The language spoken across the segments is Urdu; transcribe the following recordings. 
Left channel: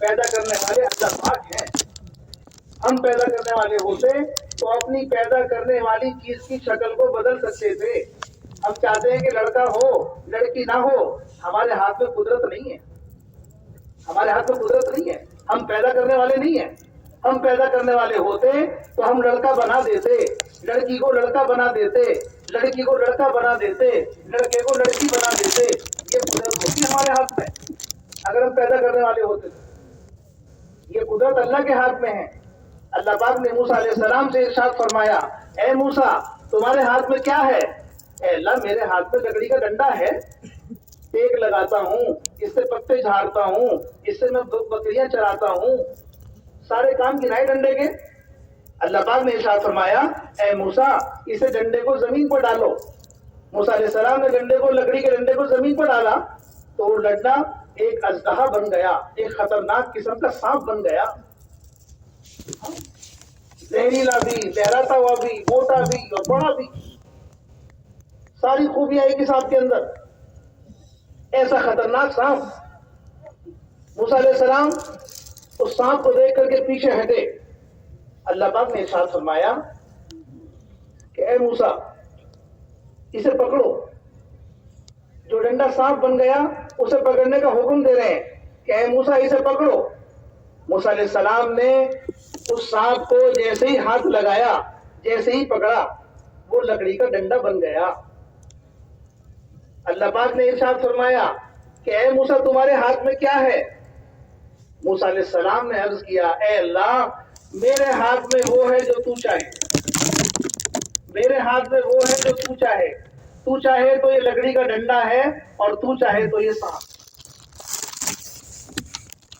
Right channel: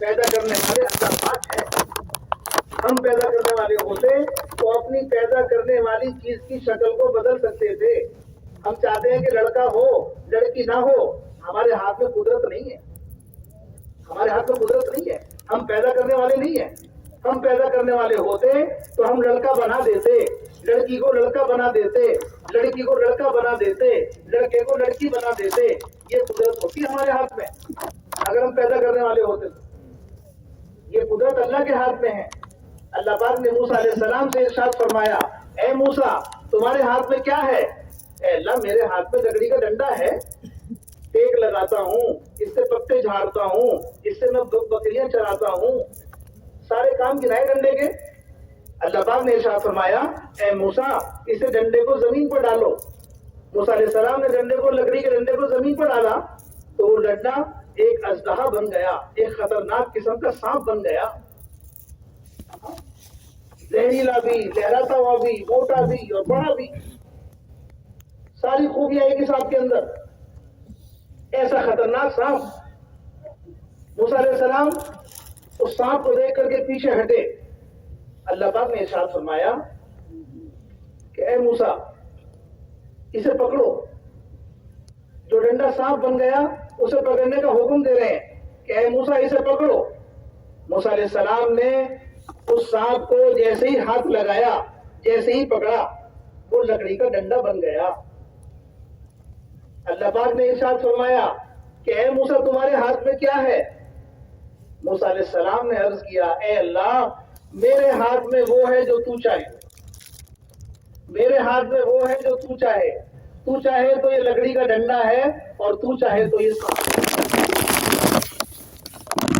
پیدا کرنے والے اللہ پاک ہیں. ہم پیدا کرنے والے ہوتے تو اپنی پیدا کرنے والی چیز کی شکل کو بدل سکتے تھے. ہم چاہتے ہیں کہ لڑکا ہو لڑکی نہ ہو، ہمارے ہاتھ میں قدرت نہیں ہے. ہمارے ہاتھ میں قدرت نہیں ہے. ہم پیدا کرنے والے نہیں ہیں. ہم پیدا کرنے والے ہوتے تو ہم لڑکا بنا دیتے، لڑکی کو لڑکا بنا دیتے، لڑکی کو لڑکا بنا دیتے، لڑکے کو لڑکی بنا دیتے. یہ قدرت ہوتی ہمارے ہاتھ میں اگر ہم پیدا کرنے والے ہوتے تو. یہ قدرت اللہ کے ہاتھ میں ہے. اللہ پاک نے موسیٰ علیہ السلام سے ارشاد فرمایا، اے موسیٰ تمہارے ہاتھ میں کیا ہے؟ اے اللہ میرے ہاتھ میں لکڑی کا ڈنڈا ہے، ٹیک لگاتا ہوں، اس سے پتے جھاڑتا ہوں، اس سے میں بکریاں چراتا ہوں. سارے کام گنائے ڈنڈے کے. اللہ پاک نے ارشاد فرمایا، اے موسیٰ اسے ڈنڈے کو زمین پر ڈالو. موسیٰ علیہ السلام نے ڈنڈے کو، لکڑی کے ڈنڈے کو زمین پر ڈالا تو وہ ڈنڈا ایک اژدہا بن گیا، ایک خطرناک قسم کا سانپ بن گیا. زہریلا بھی، لہراتا ہوا بھی، موٹا بھی اور بڑا بھی، ساری خوبیاں ایک ہی سانپ کے اندر. ایسا خطرناک سانپ. موسیٰ علیہ السلام اس سانپ کو دیکھ کر کے پیچھے ہٹے. اللہ پاک نے ارشاد فرمایا کہ اے موسیٰ اسے پکڑو. جو ڈنڈا سانپ بن گیا اسے پکڑنے کا حکم دے رہے ہیں کہ اے موسیٰ اسے پکڑو. موسیٰ علیہ السلام نے اس سانپ کو جیسے ہی ہاتھ لگایا، جیسے ہی پکڑا، وہ لکڑی کا ڈنڈا بن گیا. اللہ پاک نے ارشاد فرمایا کہ اے موسیٰ تمہارے ہاتھ میں کیا ہے؟ موسیٰ علیہ السلام نے عرض کیا، اے اللہ میرے ہاتھ میں وہ ہے جو تو چاہے. میرے ہاتھ میں وہ ہے جو تو چاہے. تو چاہے تو یہ لکڑی کا ڈنڈا ہے اور تو چاہے تو یہ سانپ.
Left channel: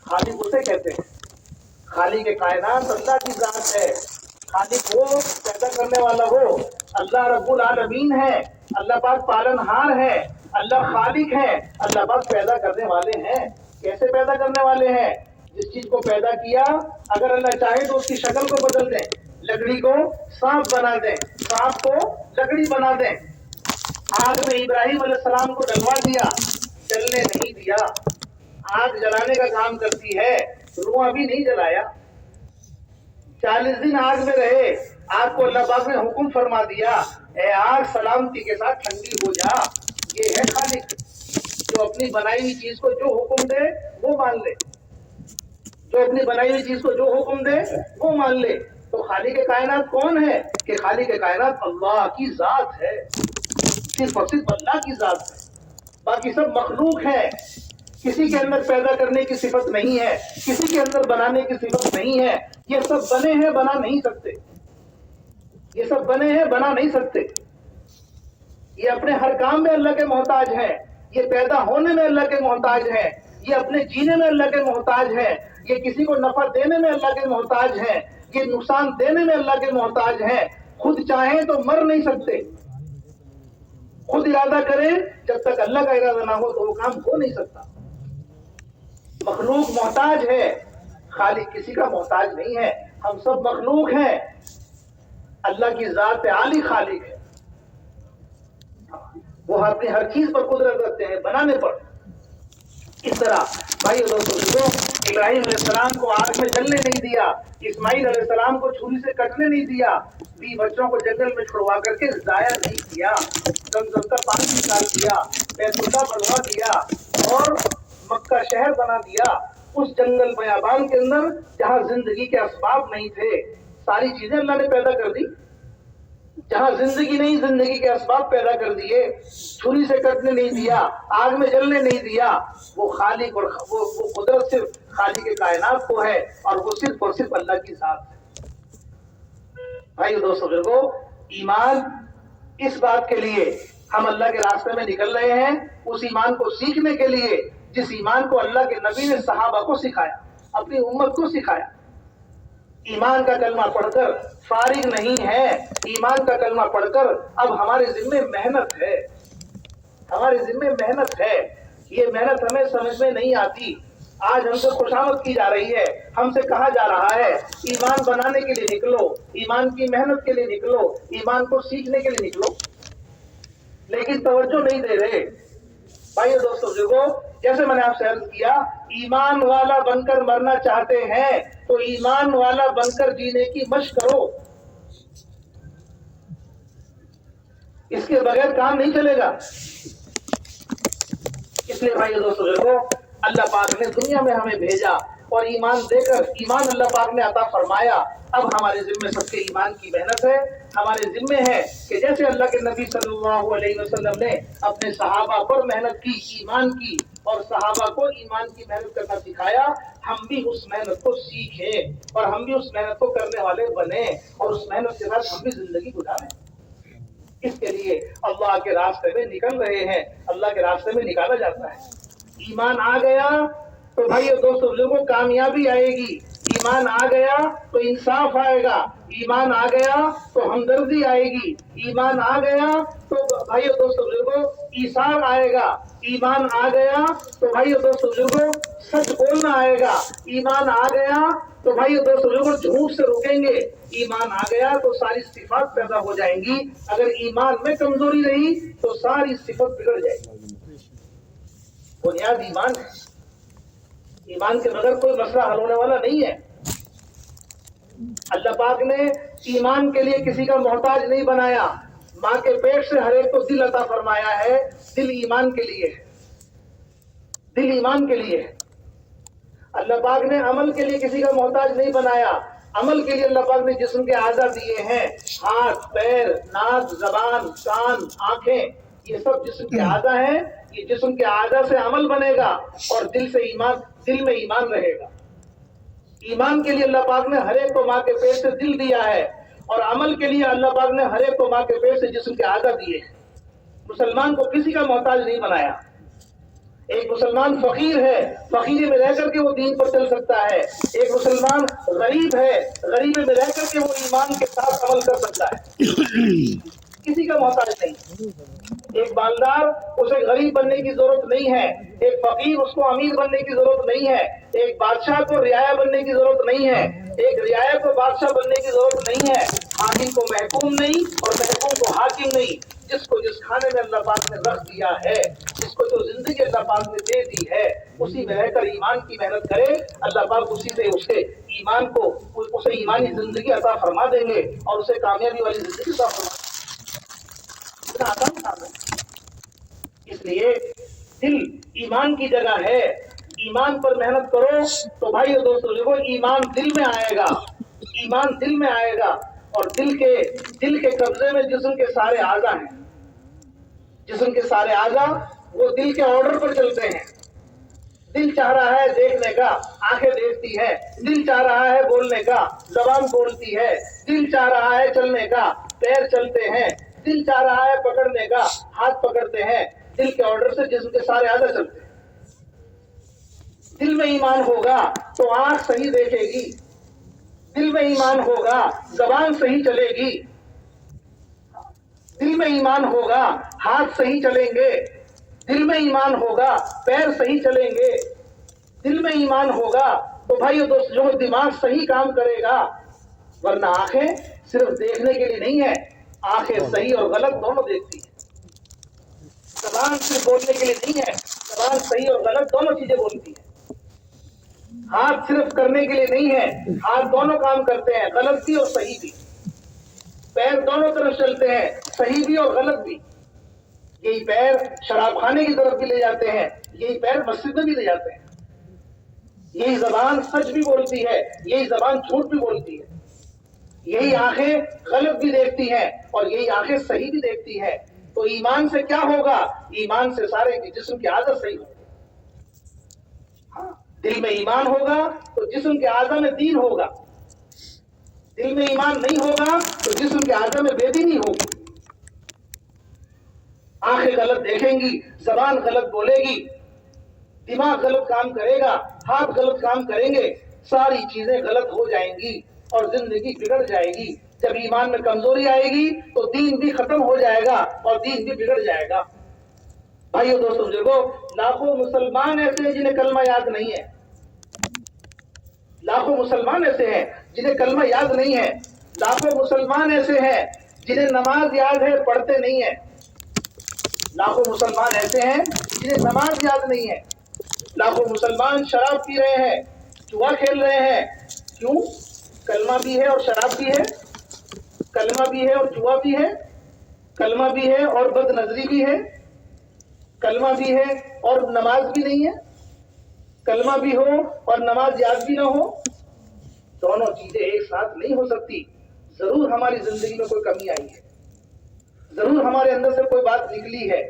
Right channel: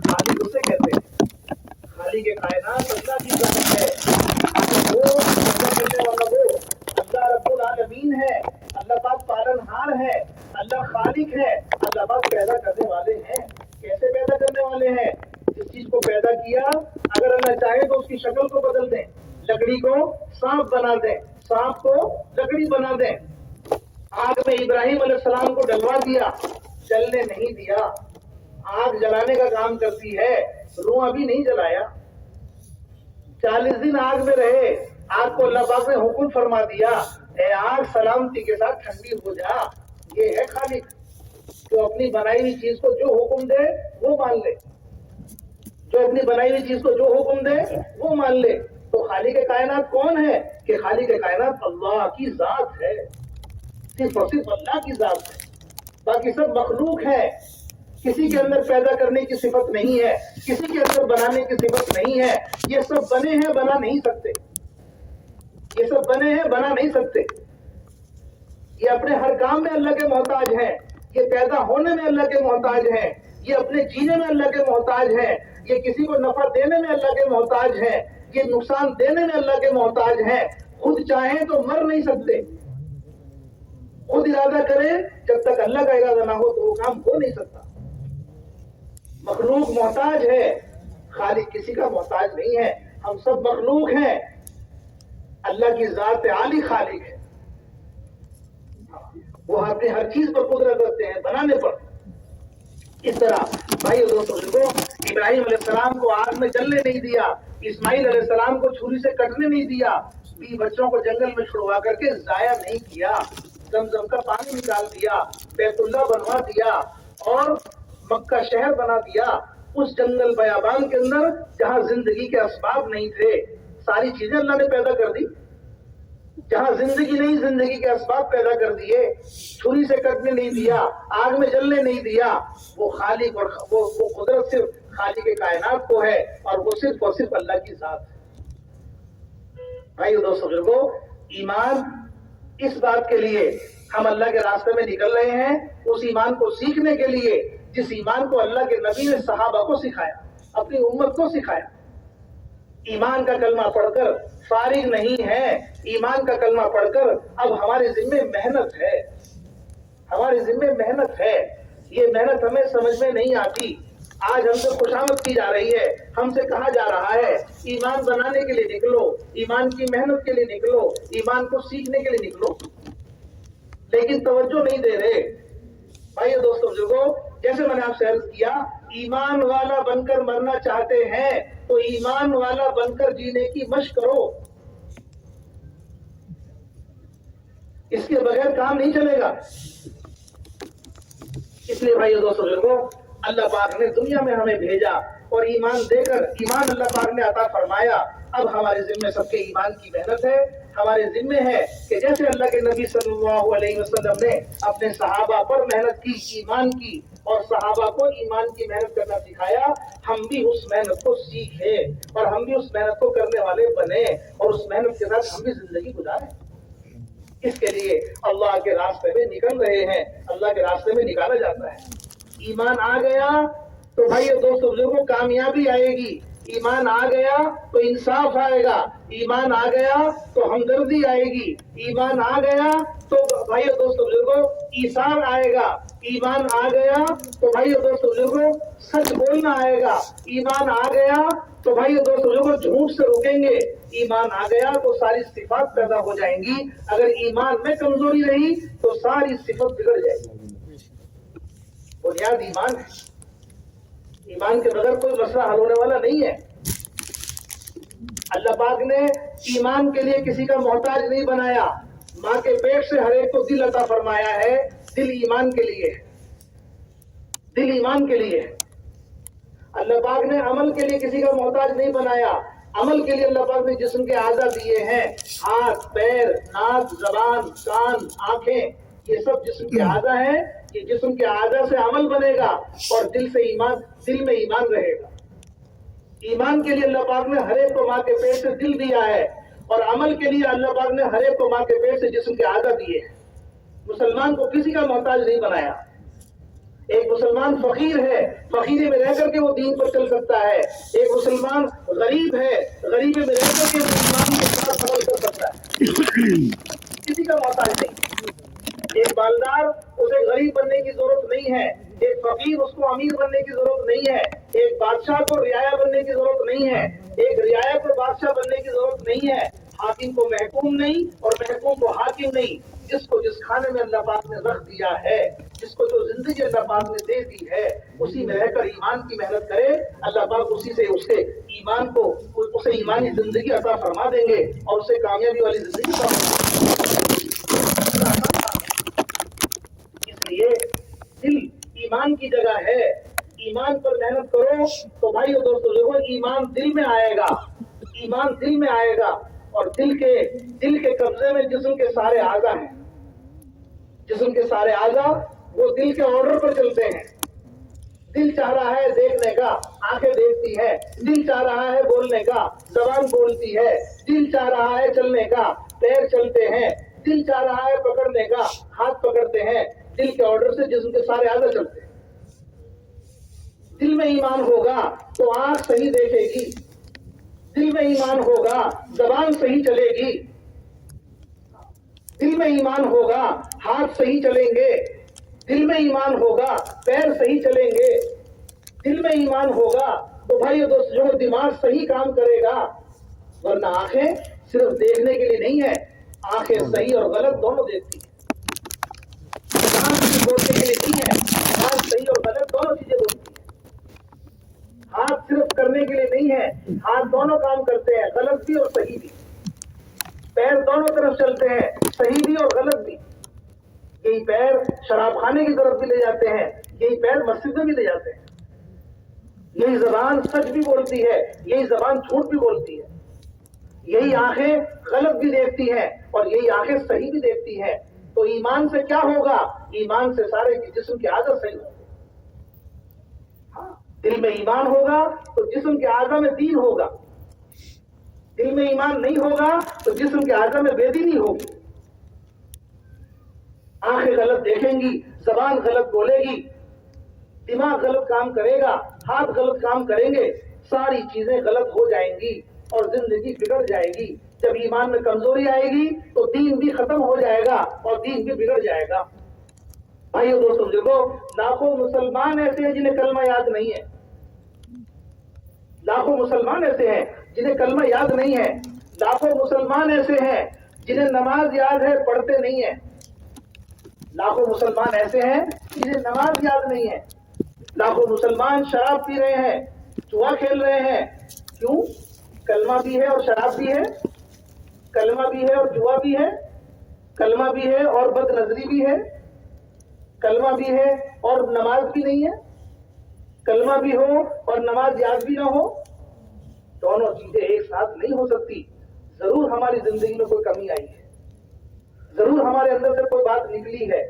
خالق اسے کہتے ہیں. خالق کائنات اللہ کی ذات ہے. خالق وہ پیدا کرنے والا وہ اللہ رب العالمین ہے. اللہ پاک پالنہار ہے. اللہ خالق ہے. اللہ پاک پیدا کرنے والے ہیں. کیسے پیدا کرنے والے ہیں؟ جس چیز کو پیدا کیا اگر اللہ چاہے تو اس کی شکل کو بدل دیں. لکڑی کو سانپ بنا دیں، سانپ کو لکڑی بنا دیں. آگ میں ابراہیم علیہ السلام کو ڈلوا دیا، جلنے نہیں دیا. آگ جلانے کا کام کرتی ہے، دھواں بھی نہیں جلایا. 40 دن آگ میں رہے. آگ کو اللہ پاک نے حکم فرما دیا، اے آگ سلامتی کے ساتھ ٹھنڈی ہو جا. یہ ہے خالق جو اپنی بنائی ہوئی چیز کو جو حکم دے وہ مان لے. جو اپنی بنائی ہوئی چیز کو جو حکم دے وہ مان لے. تو خالق کائنات کون ہے؟ کہ خالق کائنات اللہ کی ذات ہے. صرف اور صرف اللہ کی ذات ہے. باقی سب مخلوق ہے. کسی کے اندر پیدا کرنے کی صفت نہیں ہے، کسی کے اندر بنانے کی صفت نہیں ہے. یہ سب بنے ہیں، بنا نہیں سکتے. یہ سب بنے ہیں، بنا نہیں سکتے. یہ اپنے ہر کام میں اللہ کے محتاج ہیں. یہ پیدا ہونے میں اللہ کے محتاج ہیں. یہ اپنے جینے میں اللہ کے محتاج ہیں. یہ کسی کو نفع دینے میں اللہ کے محتاج ہیں. یہ نقصان دینے میں اللہ کے محتاج ہیں. خود چاہیں تو مر نہیں سکتے. خود ارادہ کریں، جب تک اللہ کا ارادہ نہ ہو تو وہ کام ہو نہیں سکتا. مخلوق محتاج ہے، خالق کسی کا محتاج نہیں ہے. ہم سب مخلوق ہیں. اللہ کی ذات عالی خالق ہے. وہ اپنی ہر چیز پر قدرت رکھتے ہیں، بنانے پر. اس طرح بھائی اور دوستوں، ابراہیم علیہ السلام کو آگ میں جلنے نہیں دیا، اسماعیل علیہ السلام کو چھری سے کٹنے نہیں دیا، 20 بچوں کو جنگل میں چھڑوا کر کے ضائع نہیں کیا، زمزم کا پانی نکال دیا، بیت اللہ بنوا دیا اور مکہ شہر بنا دیا. اس جنگل بیابان کے اندر جہاں زندگی کے اسباب نہیں تھے، ساری چیزیں اللہ نے پیدا کر دی. جہاں زندگی نہیں، زندگی کے اسباب پیدا کر دیے. چھری سے کٹنے نہیں دیا، آگ میں جلنے نہیں دیا. وہ خالق اور وہ قدرت صرف خالق کائنات کو ہے اور وہ صرف اور صرف اللہ کی ذات ہے. بھائی دوستوں بزرگوں، ایمان اس بات کے لیے ہم اللہ کے راستے میں نکل رہے ہیں، اس ایمان کو سیکھنے کے لیے جس ایمان کو اللہ کے نبی نے صحابہ کو سکھایا، اپنی امت کو سکھایا. ایمان کا کلمہ پڑھ کر فارغ نہیں ہے. ایمان کا کلمہ پڑھ کر اب ہمارے ذمے محنت ہے. ہمارے ذمے محنت ہے. یہ محنت ہمیں سمجھ میں نہیں آتی. آج ہم سے خوشامد کی جا رہی ہے، ہم سے کہا جا رہا ہے ایمان بنانے کے لیے نکلو، ایمان کی محنت کے لیے نکلو، ایمان کو سیکھنے کے لیے نکلو. لیکن توجہ نہیں دے رہے. بھائی دوستوں بزرگوں، جیسے میں نے آپ سے عرض کیا، ایمان والا بن کر مرنا چاہتے ہیں تو ایمان والا بن کر جینے کی مشق کرو، اس کے بغیر کام نہیں چلے گا۔ اس لیے بھائی دوستوں بزرگوں، اللہ پاک نے دنیا میں ہمیں بھیجا اور ایمان دے کر ایمان اللہ پاک نے عطا فرمایا۔ اب ہمارے ذمے سب کے ایمان کی محنت ہے، ہمارے ذمے ہے کہ جیسے اللہ کے نبی صلی اللہ علیہ وسلم نے اپنے صحابہ پر محنت کی، ایمان کی، اور صحابہ کو ایمان کی محنت کرنا سکھایا، ہم بھی اس محنت کو سیکھیں اور ہم بھی اس محنت کو کرنے والے بنے اور اس محنت کے ساتھ ہم بھی زندگی گزاریں۔ اس کے لیے اللہ کے راستے میں نکل رہے ہیں، اللہ کے راستے میں نکالا جاتا ہے۔ ایمان آ گیا تو بھائی دوستوں بزرگوں کامیابی آئے گی، ایمان آ گیا تو انصاف آئے گا، ایمان آ گیا تو ہمدردی آئے گی، ایمان آ گیا تو بھائی دوستوں بزرگوں ایثار آئے گا، ایمان آ گیا تو بھائی دوستوں بزرگوں سچ بولنا آئے گا، ایمان آ گیا تو بھائی دوستوں بزرگوں جھوٹ سے روکیں گے، ایمان آ گیا تو ساری صفات پیدا ہو جائیں گی۔ اگر ایمان میں کمزوری رہی تو ساری صفت بگڑ جائے گی۔ بنیاد ایمان ہے، ایمان کے بغیر کوئی مسئلہ حل ہونے والا نہیں ہے۔ اللہ پاک نے ایمان کے لیے کسی کا محتاج نہیں بنایا، ماں کے پیٹ سے ہر ایک کو دل عطا فرمایا ہے، دل ایمان کے لیے، دل ایمان کے لیے۔ اللہ پاک نے عمل کے لیے کسی کا محتاج نہیں بنایا، عمل کے لیے اللہ پاک نے جسم کے اعضاء دیے ہیں، ہاتھ، پیر، ناک، زبان، کان، آنکھیں، یہ سب جسم کے اعضاء ہیں۔ یہ جسم کے اعضاء سے عمل بنے گا اور دل سے ایمان، دل میں ایمان رہے گا۔ ایمان کے لیے اللہ پاک نے ہر ایک کو ماں کے پیٹ سے دل دیا ہے، اور عمل کے لیے اللہ پاک نے ہر ایک کو ماں کے پیٹ سے جسم کے اعضاء دیے ہیں۔ مسلمان کو کسی کا محتاج نہیں بنایا۔ ایک مسلمان فقیر ہے، فقیری میں رہ کر کے وہ دین پر چل سکتا ہے۔ ایک مسلمان غریب ہے، غریبی میں رہ کر کے وہ ایمان کے ساتھ عمل کر سکتا ہے، کسی کا محتاج نہیں۔ ایک مالدار، اسے غریب بننے کی ضرورت نہیں ہے، ایک فقیر، اس کو امیر بننے کی ضرورت نہیں ہے، ایک بادشاہ کو رعایا بننے کی ضرورت نہیں ہے، ایک رعایا کو بادشاہ بننے کی ضرورت نہیں ہے، حاکم کو محکوم نہیں اور محکوم کو حاکم نہیں۔ جس کو جس کھانے میں اللہ پاک نے رکھ دیا ہے، جس کو جو زندگی اللہ پاک نے دے دی ہے، اسی میں رہ کر ایمان کی محنت کرے، اللہ پاک اسی سے اس کے ایمان کو، اسے ایمانی زندگی عطا فرما دیں گے اور اسے کامیابی والی زندگی عطا فرما دیں گے۔ اس لیے دل ایمان کی جگہ ہے، ایمان پر محنت کرو تو بھائی دوستوں دیکھو ایمان دل میں آئے گا، ایمان دل میں آئے گا، اور دل کے قبضے میں جسم کے سارے اعضاء ہیں، جسم کے سارے اعضاء وہ دل کے آرڈر پر چلتے ہیں۔ دل چاہ رہا ہے دیکھنے کا، آنکھیں دیکھتی ہے، دل چاہ رہا ہے بولنے کا، زبان بولتی ہے، دل چاہ رہا ہے چلنے کا، پیر چلتے ہیں، دل چاہ رہا ہے پکڑنے کا، ہاتھ پکڑتے ہیں، دل کے آرڈر سے جسم کے سارے اعضاء چلتے ہیں۔ دل میں ایمان ہوگا تو آنکھ صحیح دیکھے گی، دل میں ایمان ہوگا زبان صحیح چلے گی، دل میں ایمان ہوگا ہاتھ صحیح چلیں گے، دل میں ایمان ہوگا پیر صحیح چلیں گے، دل میں ایمان ہوگا تو بھائی دوست جو دماغ صحیح کام کرے گا، ورنہ آنکھیں صرف دیکھنے کے لیے نہیں ہے، آنکھیں صحیح اور غلط دونوں دیکھتی ہیں۔ زبان صرف بولنے کے لیے نہیں ہے، زبان صحیح اور غلط دونوں چیزیں بولتی ہے۔ ہاتھ صرف کرنے کے لیے نہیں ہے، ہاتھ دونوں کام کرتے ہیں، غلط بھی اور صحیح بھی۔ پیر دونوں طرف چلتے ہیں، صحیح بھی اور غلط بھی۔ یہی پیر شراب خانے کی طرف بھی لے جاتے ہیں، یہی پیر مسجد میں بھی لے جاتے ہیں۔ یہی زبان سچ بھی بولتی ہے، یہی زبان جھوٹ بھی بولتی ہے۔ یہی آنکھیں غلط بھی دیکھتی ہیں اور یہی آنکھیں صحیح بھی دیکھتی ہیں۔ تو ایمان سے کیا ہوگا؟ ایمان سے سارے جسم کی عادت صحیح ہوگی۔ دل میں ایمان ہوگا تو جسم کے اعضاء میں دین ہوگا، دل میں ایمان نہیں ہوگا تو جسم کے اعضاء میں بے دینی ہوگی۔ آنکھیں غلط دیکھیں گی، زبان غلط بولے گی، دماغ غلط کام کرے گا، ہاتھ غلط کام کریں گے، ساری چیزیں غلط ہو جائیں گی اور زندگی بگڑ جائے گی۔ جب ایمان میں کمزوری آئے گی تو دین بھی ختم ہو جائے گا اور دین بھی بگڑ جائے گا۔ بھائیو دوستو دیکھو، لاکھوں مسلمان ایسے ہیں جنہیں کلمہ یاد نہیں ہے، لاکھوں مسلمان ایسے ہیں جنہیں کلمہ یاد نہیں ہے، لاکھوں مسلمان ایسے ہیں جنہیں نماز یاد ہے پڑھتے نہیں ہیں، لاکھوں مسلمان ایسے ہیں انہیں نماز یاد نہیں ہے. لاکھوں مسلمان شراب پی رہے ہیں, جوا کھیل رہے ہیں. کیوں؟ کلمہ بھی ہے اور شراب بھی ہے, کلمہ بھی ہے اور جوا بھی ہے, کلمہ بھی ہے اور بد نظری بھی ہے, کلمہ بھی ہے اور نماز بھی نہیں ہے, کلمہ بھی ہو اور نماز یاد بھی نہ ہو. دونوں چیزیں ایک ساتھ نہیں ہو سکتی. ضرور ہماری زندگی میں کوئی کمی آئی ہے, ضرور ہمارے اندر سے کوئی بات نکلی ہے.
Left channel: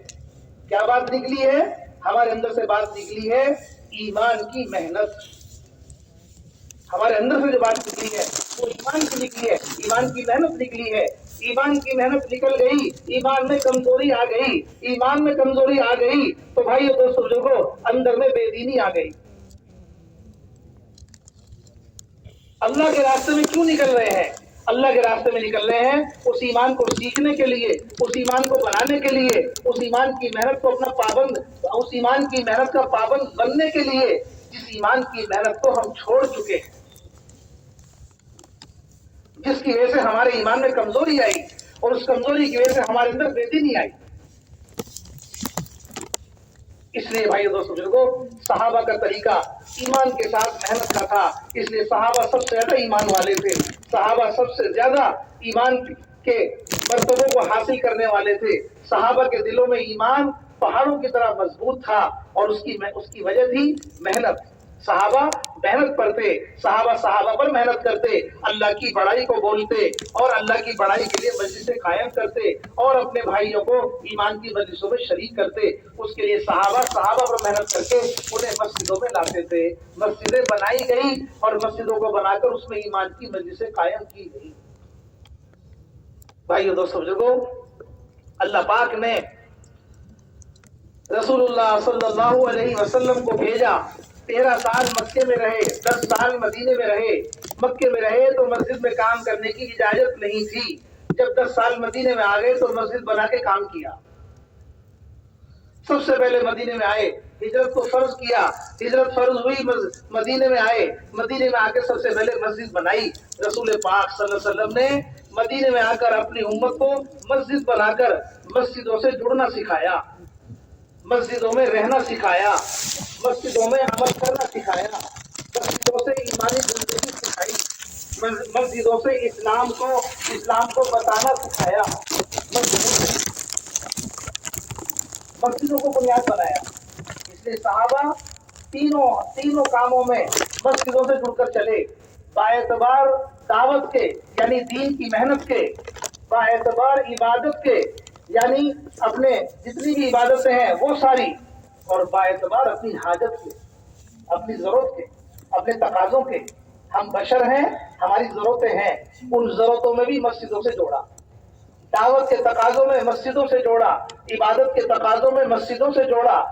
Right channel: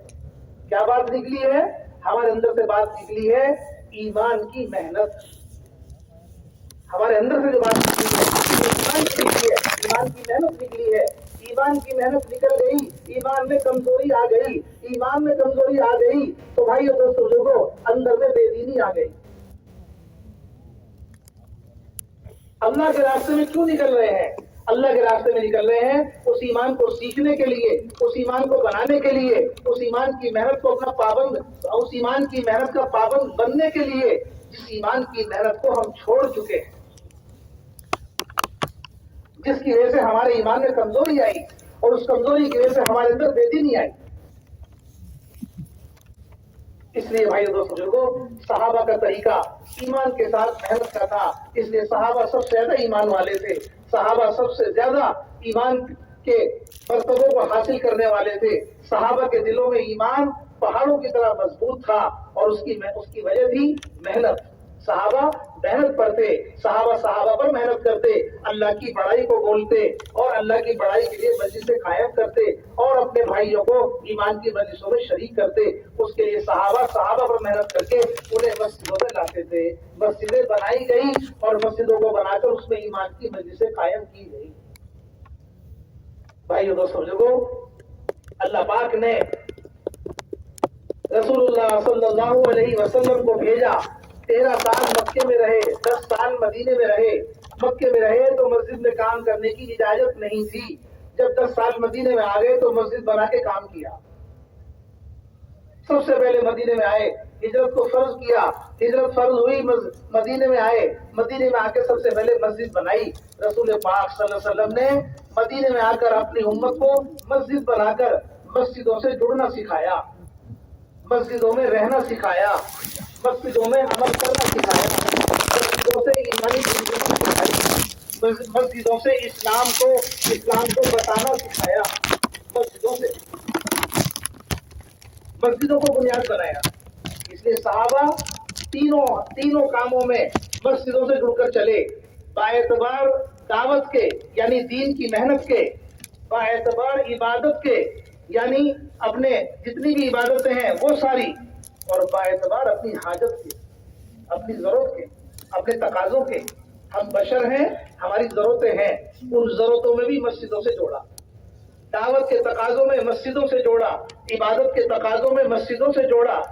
کیا بات نکلی ہے؟ ہمارے اندر سے بات نکلی ہے ایمان کی محنت. ہمارے اندر سے جو بات نکلی ہے وہ ایمان کی نکلی ہے, ایمان کی محنت نکلی ہے. ایمان کی محنت نکل گئی, ایمان میں کمزوری آ گئی. ایمان میں کمزوری آ گئی تو بھائی اور دوستوں بزرگوں, اندر میں بے دینی آ گئی. اللہ کے راستے میں کیوں نکل رہے ہیں؟ اللہ کے راستے میں نکل رہے ہیں اس ایمان کو سیکھنے کے لیے, اس ایمان کو بنانے کے لیے, اس ایمان کی محنت کو اپنا پابند, اس ایمان کی محنت کا پابند بننے کے لیے, جس ایمان کی محنت کو ہم چھوڑ چکے ہیں, جس کی وجہ سے ہمارے ایمان میں کمزوری آئی اور اس کمزوری کی وجہ سے ہمارے اندر بے دینی آئی. اس لیے بھائی دوستوں بزرگوں, صحابہ کا طریقہ ایمان کے ساتھ محنت کا تھا. اس لیے صحابہ سب سے زیادہ ایمان والے تھے, صحابہ سب سے زیادہ ایمان کے مرتبوں کو حاصل کرنے والے تھے. صحابہ کے دلوں میں ایمان پہاڑوں کی طرح مضبوط تھا اور اس کی وجہ تھی محنت. صحابہ محنت پر تھے, صحابہ پر محنت کرتے, اللہ کی بڑائی کو بولتے اور اللہ کی بڑائی کے لیے مجلسیں قائم کرتے اور اپنے بھائیوں کو ایمان کی مجلسوں میں شریک کرتے. اس کے لیے صحابہ پر محنت کر کے انہیں مسجدوں میں لاتے تھے. مسجدیں بنائی گئی اور مسجدوں کو بنا کر اس میں ایمان کی مجلسیں قائم کی گئی. بھائیو دوستو بزرگوں, اللہ پاک نے رسول اللہ صلی اللہ علیہ وسلم کو بھیجا. 13 سال مکے میں رہے, 10 سال مدینے میں رہے. مکے میں رہے تو مسجد میں کام کرنے کی اجازت نہیں تھی. جب 10 سال مدینے میں آ گئے تو مسجد بنا کے کام کیا. سب سے پہلے مدینے میں آئے, ہجرت کو فرض کیا, ہجرت فرض ہوئی, مدینے میں آئے, مدینے میں آ کے سب سے پہلے مسجد بنائی. رسول پاک صلی اللہ علیہ وسلم نے مدینے میں آ کر اپنی امت کو مسجد بنا کر مسجدوں سے جڑنا سکھایا, مسجدوں میں رہنا سکھایا, مسجدوں میں عمل کرنا سکھایا, مسجدوں سے ایمانی زندگی سکھائی, مسجدوں سے اسلام کو بتانا سکھایا, مسجدوں کو بنیاد بنایا. اس لیے صحابہ تینوں کاموں میں مسجدوں سے جڑ کر چلے. باعتبار دعوت کے یعنی دین کی محنت کے, باعتبار عبادت کے یعنی اپنے جتنی بھی عبادتیں ہیں وہ ساری, اور باعتبار اپنی حاجت کے, اپنی ضرورت کے, اپنے تقاضوں کے. ہم بشر ہیں, ہماری ضرورتیں ہیں, ان ضرورتوں میں بھی مسجدوں سے جوڑا. دعوت کے تقاضوں میں مسجدوں سے جوڑا, عبادت کے تقاضوں میں مسجدوں سے جوڑا,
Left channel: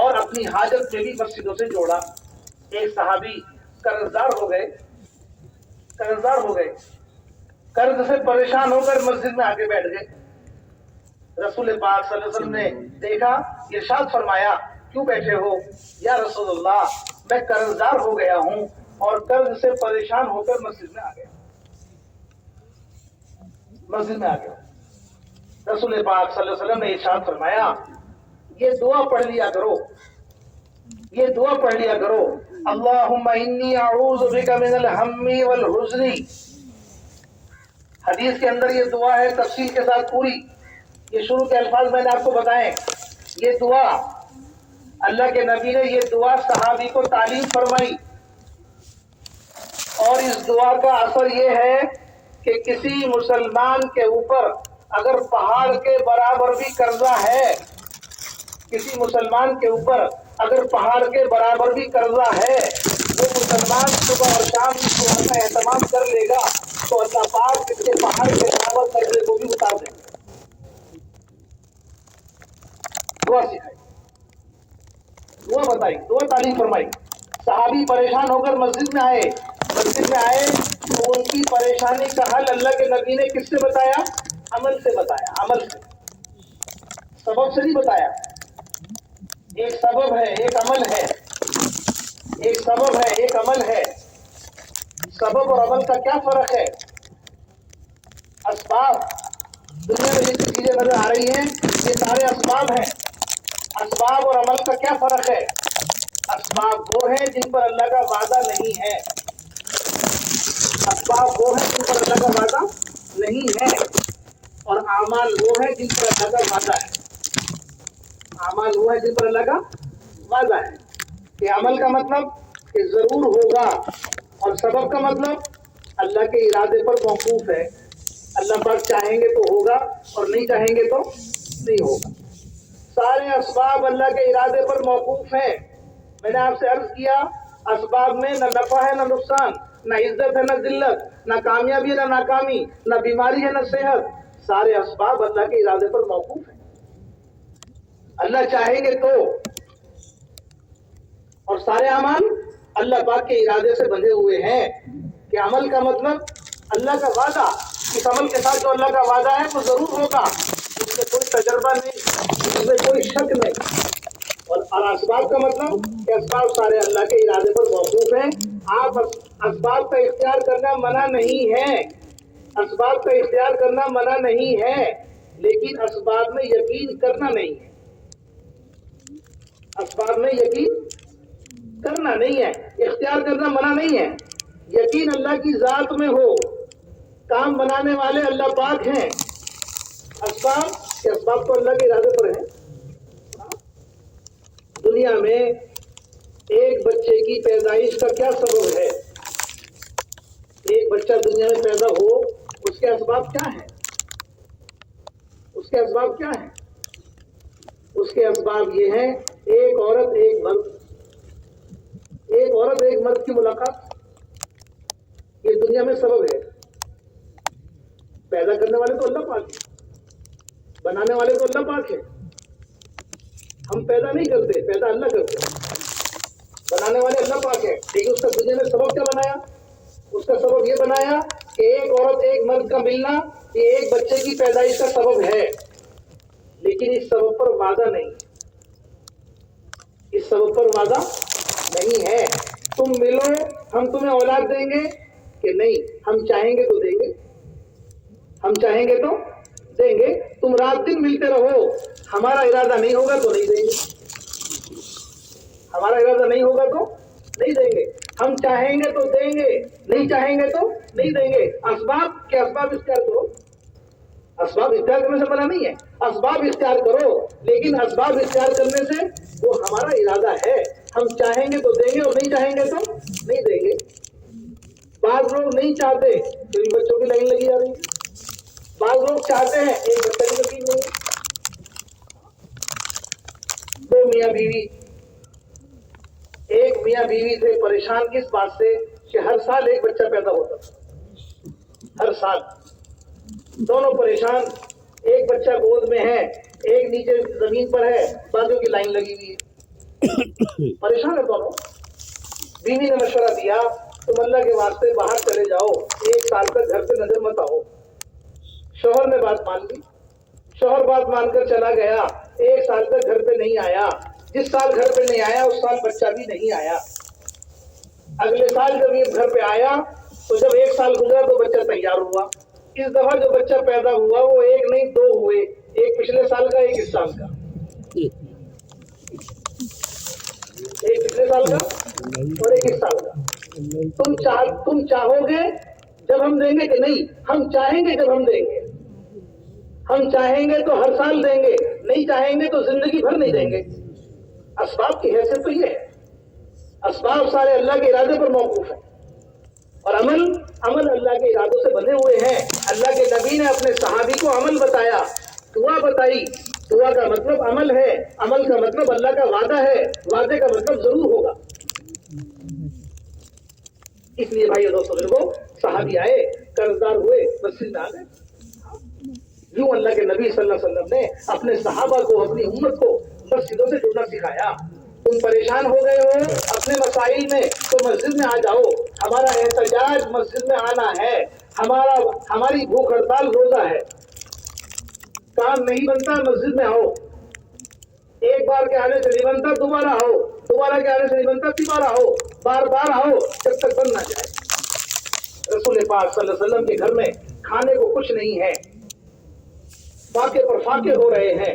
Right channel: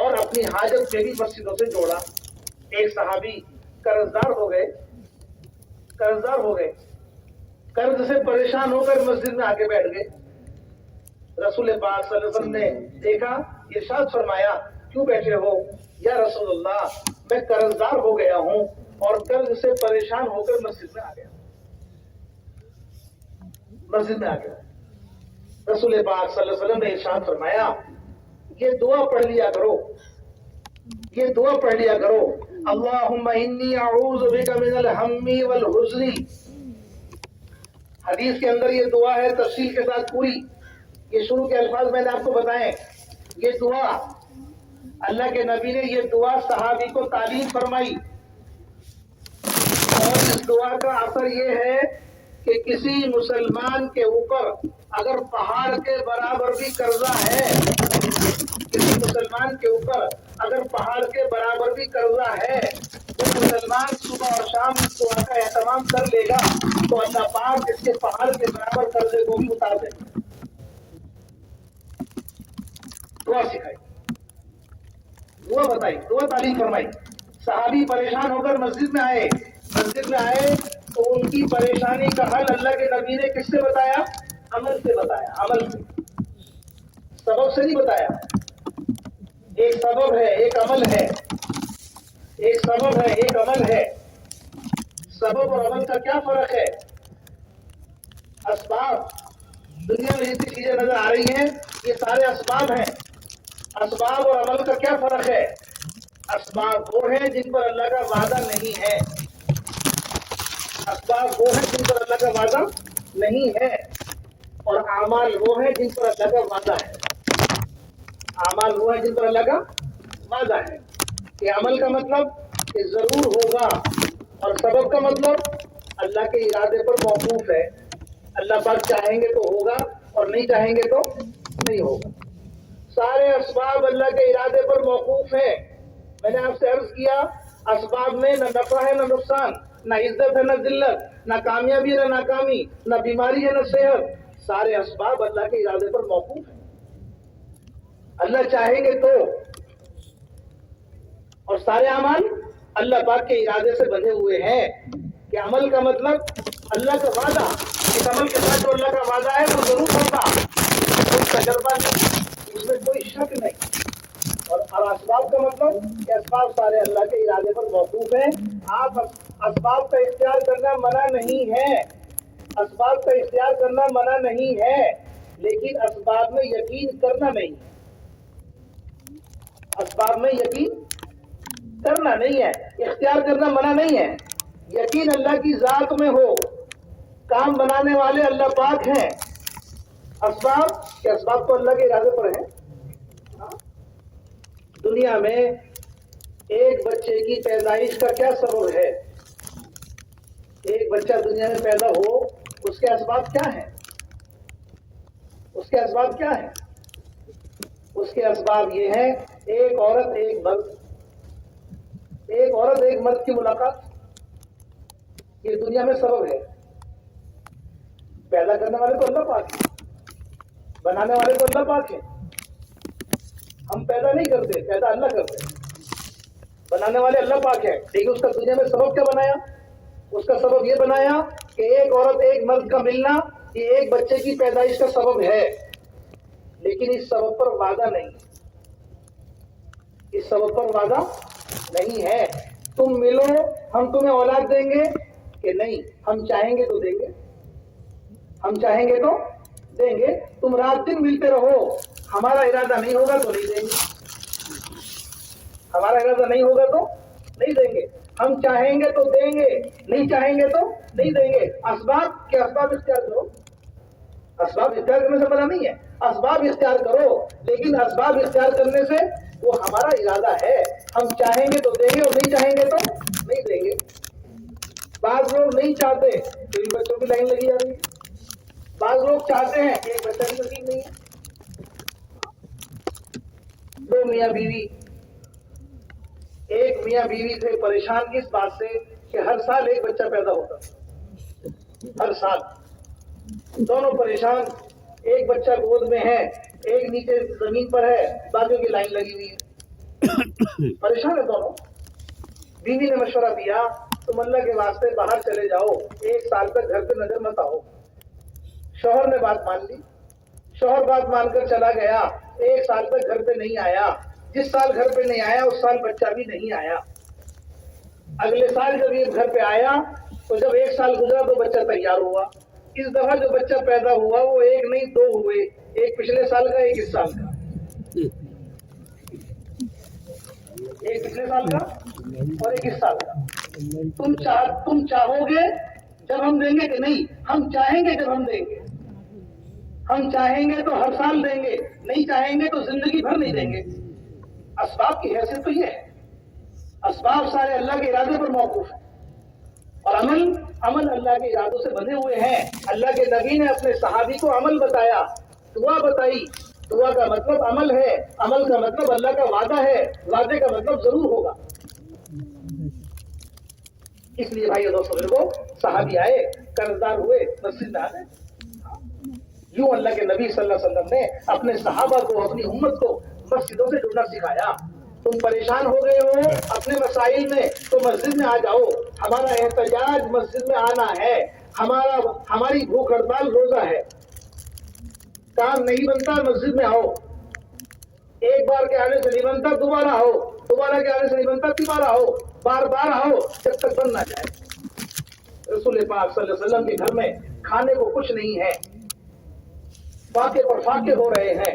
اور اپنی حاجت میں بھی مسجدوں سے جوڑا. ایک صحابی قرضدار ہو گئے, قرض سے پریشان ہو کر مسجد میں آ کے بیٹھ گئے. رسول پاک صلی اللہ علیہ وسلم نے دیکھا, ارشاد فرمایا, کیوں بیٹھے ہو؟ یا رسول اللہ, میں قرضدار ہو گیا ہوں اور قرض سے پریشان ہو کر مسجد میں آ گیا. رسول پاک صلی اللہ علیہ وسلم نے ارشاد فرمایا, یہ دعا پڑھ لیا کرو, اللہم انی اعوذ بک من الہم والحزن. حدیث کے اندر یہ دعا ہے تفصیل کے ساتھ پوری. یہ شروع کے الفاظ میں نے آپ کو بتائے. یہ دعا اللہ کے نبی نے یہ دعا صحابی کو تعلیم فرمائی, اور اس دعا کا اثر یہ ہے کہ کسی مسلمان کے اوپر اگر پہاڑ کے برابر بھی قرضہ ہے, کسی مسلمان کے اوپر اگر پہاڑ کے برابر بھی قرضہ ہے, وہ مسلمان صبح اور شام اس دعا کا اہتمام کر لے گا تو اللہ پاک اس کے پہاڑ کے برابر قرضے کو بھی اتار دے گا. دعا سکھائی, دعا بتائی, دعا تعلیم فرمائی. صحابی پریشان ہو کر مسجد میں آئے تو ان کی پریشانی کا حل اللہ کے نبی نے کس سے بتایا؟ عمل سے بتایا. عمل سے, سبب سے نہیں بتایا. ایک سبب ہے, ایک عمل ہے. ایک سبب ہے, ایک عمل ہے. سبب اور عمل کا کیا فرق ہے؟ اسباب, دنیا میں جتنی چیزیں نظر آ رہی ہیں یہ سارے اسباب ہیں. اسباب اور عمل کا کیا فرق ہے؟ اسباب وہ ہیں جن پر اللہ کا وعدہ نہیں ہے، اسباب وہ ہیں جن پر اللہ کا وعدہ نہیں ہے، اور اعمال وہ ہیں جن پر اللہ کا وعدہ ہے، اعمال وہ ہیں جن پر اللہ کا وعدہ ہے۔ کہ عمل کا مطلب کہ ضرور ہوگا، اور سبب کا مطلب اللہ کے ارادے پر موقوف ہے، اللہ پاک چاہیں گے تو ہوگا اور نہیں چاہیں گے تو نہیں ہوگا۔ سارے اسباب اللہ کے ارادے پر موقوف ہیں۔ میں نے آپ سے عرض کیا اسباب میں نہ نفع ہے نہ نقصان، نہ عزت ہے نہ ذلت، نہ کامیابی ہے نہ ناکامی، نہ بیماری ہے نہ صحت، سارے اسباب اللہ کے ارادے پر موقوف ہیں، اللہ چاہیں گے تو، اور سارے اعمال اللہ پاک کے ارادے سے بندھے ہوئے ہیں۔ کہ عمل کا مطلب اللہ کا وعدہ، اس عمل کے ساتھ جو اللہ کا وعدہ ہے تو ضرور ہوگا، اس میں کوئی تجربہ نہیں، اس میں کوئی شک نہیں۔ اور اسباب کا مطلب کہ اسباب سارے اللہ کے ارادے پر موقوف ہیں۔ آپ اسباب کا اختیار کرنا منع نہیں ہے، اسباب کا اختیار کرنا منع نہیں ہے، لیکن اسباب میں یقین کرنا نہیں ہے، اسباب میں یقین کرنا نہیں ہے، اختیار کرنا منع نہیں ہے۔ یقین اللہ کی ذات میں ہو، کام بنانے والے اللہ پاک ہیں، اسباب کہ اسباب تو اللہ کے ارادے پر ہیں۔ دنیا میں ایک بچے کی پیدائش کا کیا سبب ہے؟ ایک بچہ دنیا میں پیدا ہو، اس کے اسباب کیا ہیں؟ اس کے اسباب کیا ہیں؟ اس کے اسباب یہ ہیں، ایک عورت ایک مرد، ایک عورت ایک مرد کی ملاقات، یہ دنیا میں سبب ہے۔ پیدا کرنے والے تو اللہ پاک ہے، بنانے والے تو اللہ پاک ہے، ہم پیدا نہیں کرتے، پیدا اللہ کرتے ہیں، بنانے والے اللہ پاک ہے، لیکن اس کا دنیا میں سبب کیا بنایا؟ اس کا سبب یہ بنایا کہ ایک عورت ایک مرد کا ملنا یہ ایک بچے کی پیدائش کا سبب ہے، لیکن اس سبب پر وعدہ نہیں، اس سبب پر وعدہ نہیں ہے۔ تم ملو ہم تمہیں اولاد دیں گے کہ نہیں، ہم چاہیں گے تو دیں گے، ہم چاہیں گے تو دیں گے، تم رات دن ملتے رہو، ہمارا ارادہ نہیں ہوگا تو نہیں دیں گے، ہمارا ارادہ نہیں ہوگا تو نہیں دیں گے، ہم چاہیں گے تو دیں گے، نہیں چاہیں گے تو نہیں دیں گے۔ اسباب کے اسباب اختیار کرو، اسباب اختیار کرنے سے منع نہیں ہے، اسباب اختیار کرو، لیکن اسباب اختیار کرنے سے وہ ہمارا ارادہ ہے، ہم چاہیں گے تو دیں گے اور نہیں چاہیں گے تو نہیں دیں گے۔ بعض لوگ نہیں چاہتے تو ان بچوں کی لائن لگی جا رہی ہے، بعض لوگ چاہتے ہیں، ایک بچہ کی تکلیف نہیں ہے۔ دو میاں بیوی، ایک میاں بیوی تھے پریشان کس بات سے کہ ہر سال ایک بچہ پیدا ہوتا تھا، ہر سال دونوں پریشان، ایک بچہ گود میں ہے، ایک نیچے زمین پر ہے، بازو کی لائن لگی ہوئی ہے، پریشان ہے دونوں۔ بیوی نے مشورہ دیا تم اللہ کے واسطے باہر چلے جاؤ، ایک سال تک گھر پہ نظر مت آؤ۔ شوہر نے بات مان لی، شوہر بات مان کر چلا گیا، ایک سال تک گھر پہ نہیں آیا، جس سال گھر پہ نہیں آیا اس سال بچہ بھی نہیں آیا۔ اگلے سال جب یہ گھر پہ آیا تو جب ایک سال گزرا تو بچہ تیار ہوا، اس دفعہ جو بچہ پیدا ہوا وہ ایک نہیں دو ہوئے، ایک پچھلے سال کا ایک اس سال کا، ایک پچھلے سال کا اور ایک اس سال کا۔ تم چاہو گے جب ہم دیں گے کہ نہیں، ہم چاہیں گے جب ہم دیں گے، ہم چاہیں گے تو ہر سال دیں گے، نہیں چاہیں گے تو زندگی بھر نہیں دیں گے۔ اسباب کی حیثیت تو یہ ہے، اسباب سارے اللہ کے ارادے پر موقوف ہیں، اور عمل اللہ کے ارادوں سے بندھے ہوئے ہیں۔ اللہ کے نبی نے اپنے صحابی کو عمل بتایا، دعا بتائی، دعا کا مطلب عمل ہے، عمل کا مطلب اللہ کا وعدہ ہے، وعدے کا مطلب ضرور ہوگا۔ اس لیے بھائی دوستوں میرے صحابی آئے، قرضدار ہوئے، مسجد میں آ گئے۔ یوں اللہ کے نبی صلی اللہ علیہ وسلم نے اپنے صحابہ کو، اپنی امت کو مسجدوں سے جڑنا سکھایا۔ تم پریشان ہو گئے ہو اپنے مسائل میں تو مسجد میں آ جاؤ، ہمارا احتجاج مسجد میں آنا ہے، ہماری بھوک ہڑتال روزہ ہے، کام نہیں بنتا مسجد میں آؤ، ایک بار کے آنے سے نہیں بنتا دوبارہ آؤ، دوبارہ کے آنے سے نہیں بنتا تیسرا آؤ، بار بار آؤ جب تک بن نہ جائے۔ رسول پاک صلی اللہ علیہ وسلم کے گھر میں کھانے کو کچھ نہیں ہے، فاقے پر فاقے ہو رہے ہیں،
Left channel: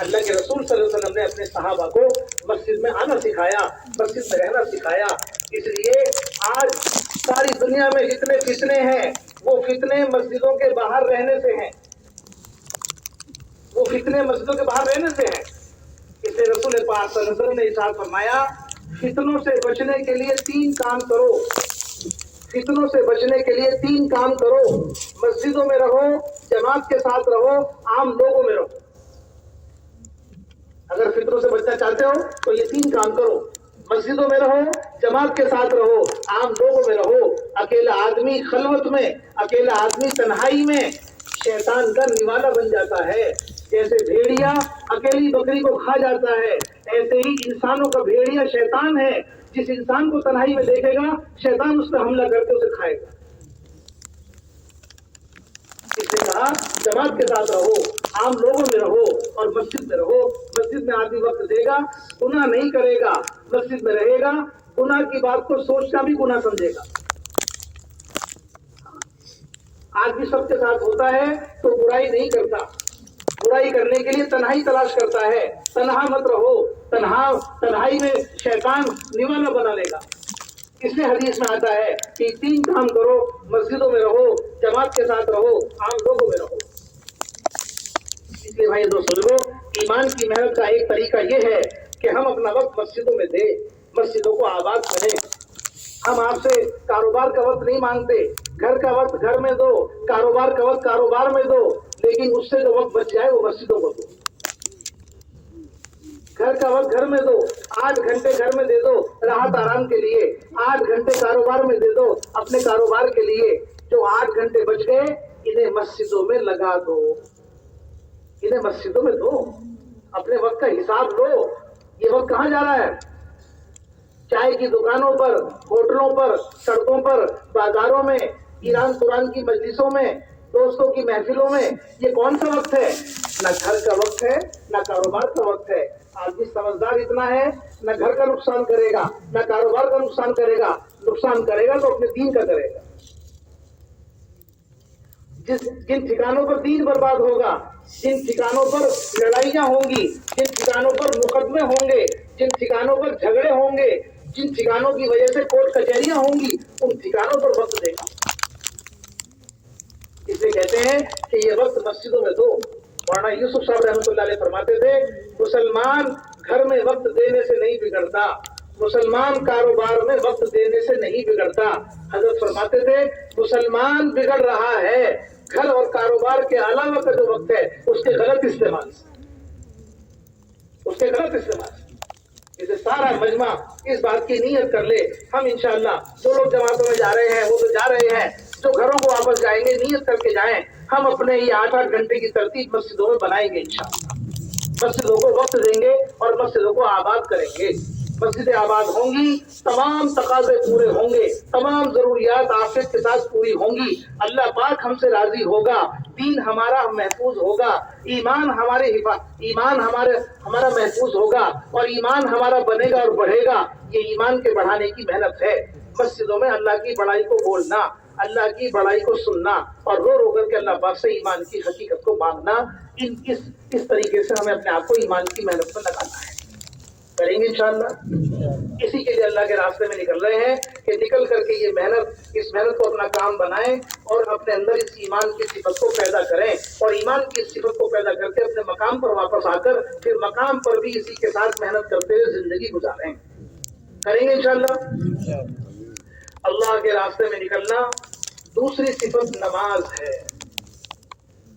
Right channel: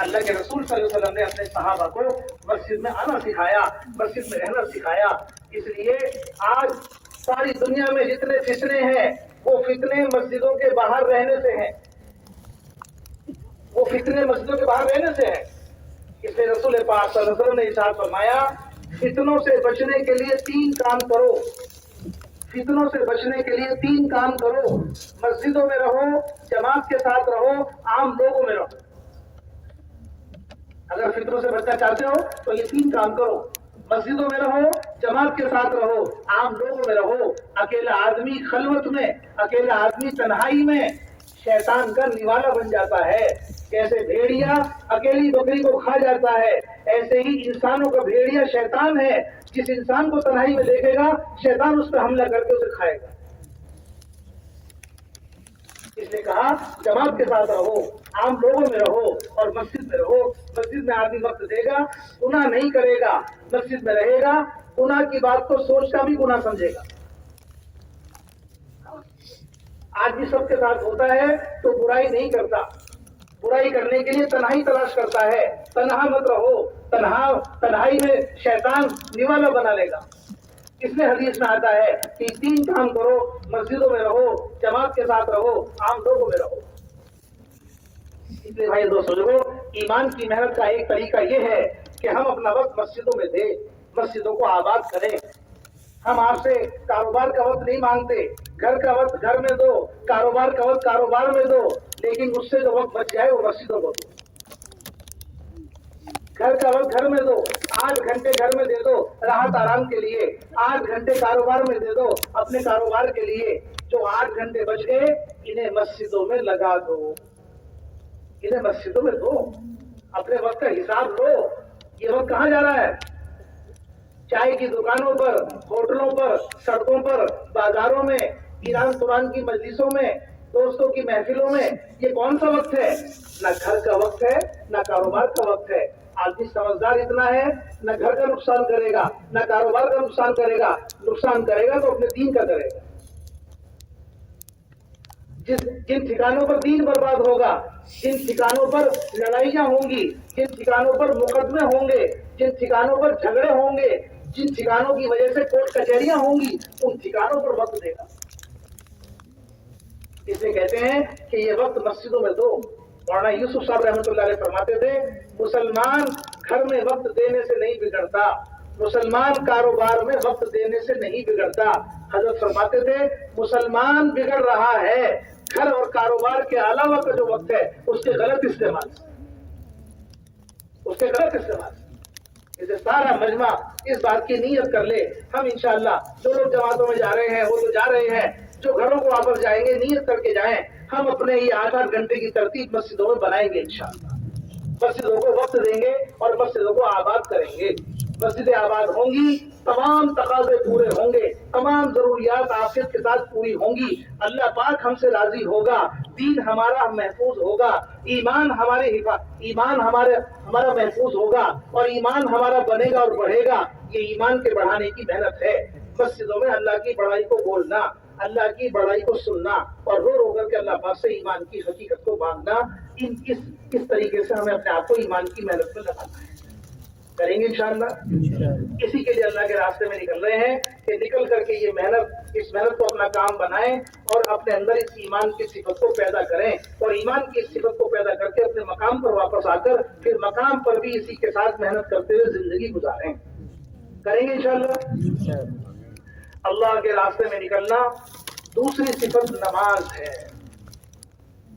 اللہ کے رسول صلی اللہ علیہ وسلم نے اپنے صحابہ کو مسجد میں آنا سکھایا، مسجد میں رہنا سکھایا۔ اس لیے آج ساری دنیا میں جتنے فتنے ہیں وہ فتنے مسجدوں کے باہر رہنے سے ہیں، وہ فتنے مسجدوں کے باہر رہنے سے ہیں۔ اس لیے رسول پاک صلی اللہ علیہ وسلم نے ارشاد فرمایا فتنوں سے بچنے کے لیے 3 کام کرو، فتنوں سے بچنے کے لیے 3 کام کرو، مسجدوں میں رہو، جماعت کے ساتھ رہو، عام لوگوں میں رہو۔ اگر فتنوں سے بچنا چاہتے ہو تو یہ 3 کام کرو، مسجدوں میں رہو، جماعت کے ساتھ رہو، عام لوگوں میں رہو۔ اکیلا آدمی خلوت میں، اکیلا آدمی تنہائی میں شیطان کا نوالا بن جاتا ہے۔ جیسے بھیڑیا اکیلی بکری کو کھا جاتا ہے، ایسے ہی انسانوں کا بھیڑیا شیطان ہے۔ جس انسان کو تنہائی میں دیکھے گا شیطان اس پہ حملہ کر کے اسے کھائے گا۔ اس نے کہا جماعت کے ساتھ رہو، عام لوگوں میں رہو اور مسجد میں رہو۔ مسجد میں آدمی وقت دے گا، گناہ نہیں کرے گا، مسجد میں رہے گا، گناہ کی بات کو سوچ کر بھی گناہ سمجھے گا۔ آج بھی سب کے ساتھ ہوتا ہے تو برائی نہیں کرتا، برائی کرنے کے لیے تنہائی تلاش کرتا ہے۔ تنہا مت رہو، تنہائی میں شیطان نوالا بنا لے گا۔ اس لیے حدیث میں آتا ہے کہ 3 کام کرو، مسجدوں میں رہو، جماعت کے ساتھ رہو، عام لوگوں میں رہو۔ اس لیے بھائی دوستو لوگوں، ایمان کی محنت کا ایک طریقہ یہ ہے کہ ہم اپنا وقت مسجدوں میں دیں، مسجدوں کو آباد کریں۔ ہم آپ سے کاروبار کا وقت نہیں مانگتے، گھر کا وقت گھر میں دو، کاروبار کا وقت کاروبار میں دو، لیکن اس سے جو وقت بچ جائے وہ مسجدوں کو دو۔ گھر کا وقت گھر میں دو، 8 گھنٹے گھر میں دے دو راحت آرام کے لیے، 8 گھنٹے کاروبار میں دے دو اپنے کاروبار کے لیے۔ جو 8 گھنٹے بچ گئے انہیں مسجدوں میں لگا دو، انہیں مسجدوں میں دو۔ اپنے وقت کا حساب لو، یہ وقت کہاں جا رہا ہے؟ چائے کی دکانوں پر، ہوٹلوں پر، سڑکوں پر، بازاروں میں، ایران قرآن کی مجلسوں میں، دوستوں کی محفلوں میں۔ یہ کون سا وقت ہے؟ نہ گھر کا وقت ہے، نہ کاروبار کا وقت ہے۔ آدمی سمجھدار اتنا ہے نہ گھر کا نقصان کرے گا، نہ کاروبار کا نقصان کرے گا، نقصان کرے گا تو اپنے دین کا کرے گا۔ جن ٹھکانوں پر دین برباد ہوگا، جن ٹھکانوں پر لڑائیاں ہوں گی، جن ٹھکانوں پر مقدمے ہوں گے، جن ٹھکانوں پر جھگڑے ہوں گے، جن ٹھکانوں کی وجہ سے کورٹ کچہریاں ہوں گی، ان ٹھکانوں پر وقت دے گا۔ اس لیے کہتے ہیں کہ یہ وقت مسجدوں میں دو۔ مولانا یوسف صاحب رحمۃ اللہ علیہ فرماتے تھے مسلمان گھر میں وقت دینے سے نہیں بگڑتا، مسلمان کاروبار میں وقت دینے سے نہیں بگڑتا۔ حضرت فرماتے تھے مسلمان بگڑ رہا ہے گھر اور کاروبار کے علاوہ کا جو وقت ہے اس کے غلط استعمال سے، اس کے غلط استعمال سے۔ اسے سارا مجمع اس بات کی نیت کر لے، ہم انشاءاللہ جو لوگ جماعتوں میں جا رہے ہیں وہ تو جا رہے ہیں، جو گھروں کو واپس جائیں گے نیت کر کے جائیں، ہم اپنے یہ 8 گھنٹے کی ترتیب مسجدوں میں بنائیں گے انشاءاللہ۔ مسجدوں کو وقت دیں گے اور مسجدوں کو آباد کریں گے۔ مسجدیں آباد ہوں گی، تمام تقاضے پورے ہوں گے، تمام ضروریات عافیت کے ساتھ پوری ہوں گی، اللہ پاک ہم سے راضی ہوگا، دین ہمارا محفوظ ہوگا، ایمان ہمارا محفوظ ہوگا اور ایمان ہمارا بنے گا اور بڑھے گا۔ یہ ایمان کے بڑھانے کی محنت ہے۔ مسجدوں میں اللہ کی بڑائی کو بولنا، اللہ کی بڑائی کو سننا اور رو رو کر کے اللہ پاک سے ایمان کی حقیقت کو مانگنا، اس طریقے سے ہمیں اپنے آپ کو ایمان کی محنت میں لگانا ہے۔ کریں گے انشاءاللہ۔ اسی کے لیے اللہ کے راستے میں نکل رہے ہیں کہ نکل کر کے اس محنت کو اپنا کام بنائیں اور اپنے اندر اس ایمان کی صفت کو پیدا کریں اور ایمان کی صفت کو پیدا کر کے اپنے مقام پر واپس آ کر پھر مقام پر بھی اسی کے ساتھ محنت کرتے ہوئے زندگی گزاریں۔ کریں گے انشاءاللہ۔ اللہ کے راستے میں نکلنا دوسری صفت نماز ہے،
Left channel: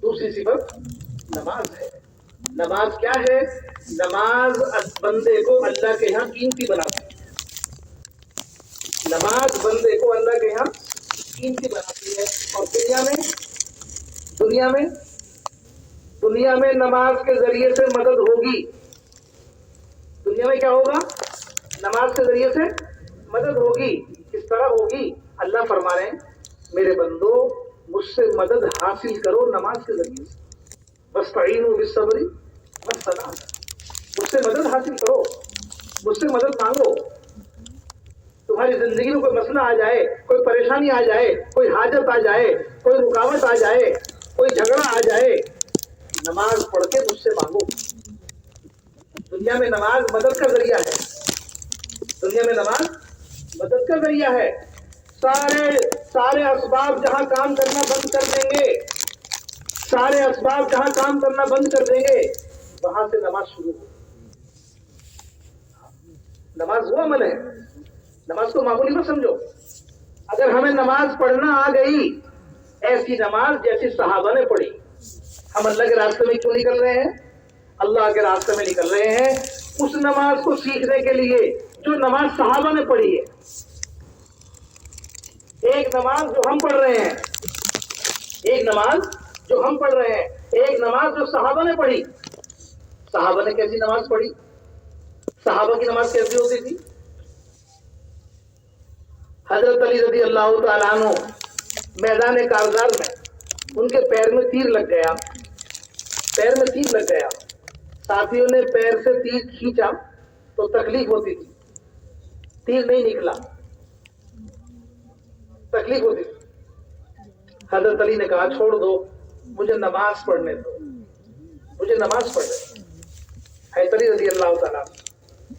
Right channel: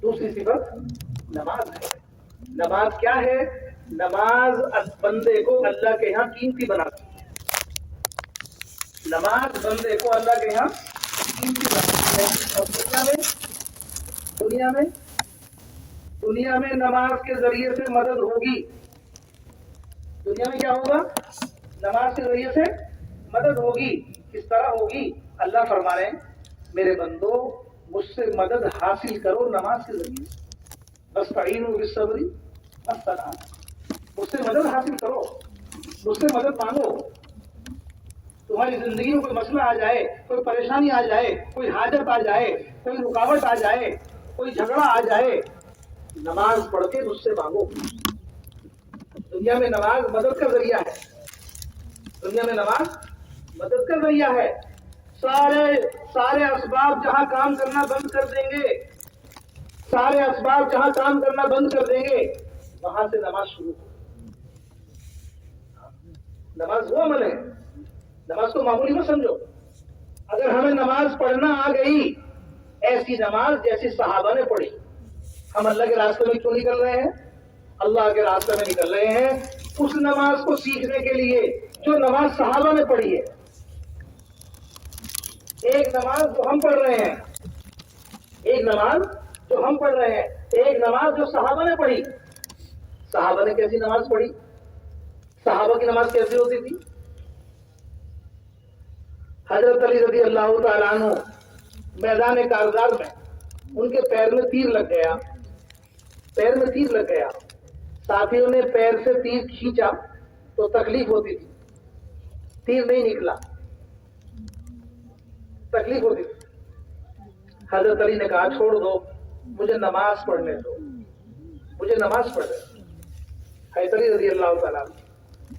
دوسری صفت نماز ہے۔ نماز کیا ہے؟ نماز بندے کو اللہ کے یہاں قیمتی بناتی ہے، نماز بندے کو اللہ کے یہاں قیمتی بناتی ہے۔ اور دنیا میں نماز کے ذریعے سے مدد ہوگی۔ دنیا میں کیا ہوگا؟ نماز کے ذریعے سے مدد ہوگی۔ کس طرح ہوگی؟ اللہ فرما رہے ہیں میرے بندو مجھ سے مدد حاصل کرو نماز کے ذریعے سے، وَاسْتَعِینُوا بِالصَّبْرِ وَالصَّلَاةِ، مجھ سے مدد حاصل کرو، مجھ سے مدد مانگو۔ تمہاری زندگی میں کوئی مسئلہ آ جائے، کوئی پریشانی آ جائے، کوئی حاجت آ جائے، کوئی رکاوٹ آ جائے، کوئی جھگڑا آ جائے، نماز پڑھ کے مجھ سے مانگو، دنیا میں نماز مدد کا ذریعہ ہے، دنیا میں نماز مدد کا ذریعہ ہے۔ سارے اسباب جہاں کام کرنا بند کر دیں گے، سارے اسباب جہاں کام کرنا بند کر دیں گے، وہاں سے نماز شروع ہو۔ نماز وہ عمل ہے، نماز کو معمولی مت سمجھو۔ اگر ہمیں نماز پڑھنا آ گئی، ایسی نماز جیسی صحابہ نے پڑھی، ہم اللہ کے راستے میں کیوں نکل رہے ہیں؟ اللہ کے راستے میں نکل رہے ہیں اس نماز کو سیکھنے کے لیے جو نماز صحابہ نے پڑھی ہے۔ ایک نماز جو ہم پڑھ رہے ہیں، ایک نماز جو ہم پڑھ رہے ہیں، ایک نماز جو صحابہ نے پڑھی۔ صحابہ نے کیسی نماز پڑھی؟ صحابہ کی نماز کیسی ہوتی تھی؟ حضرت علی رضی اللہ تعالیٰ عنہ میدان کارزار میں ان کے پیر میں تیر لگ گیا، پیر میں تیر لگ گیا، ساتھیوں نے پیر سے تیر کھینچا تو تکلیف ہوتی تھی، تیر نہیں نکلا، تکلیف ہوتی تھی۔ حضرت علی نے کہا چھوڑ دو، مجھے نماز پڑھنے دو، مجھے نماز پڑھنے دو۔ حضرت علی رضی اللہ تعالیٰ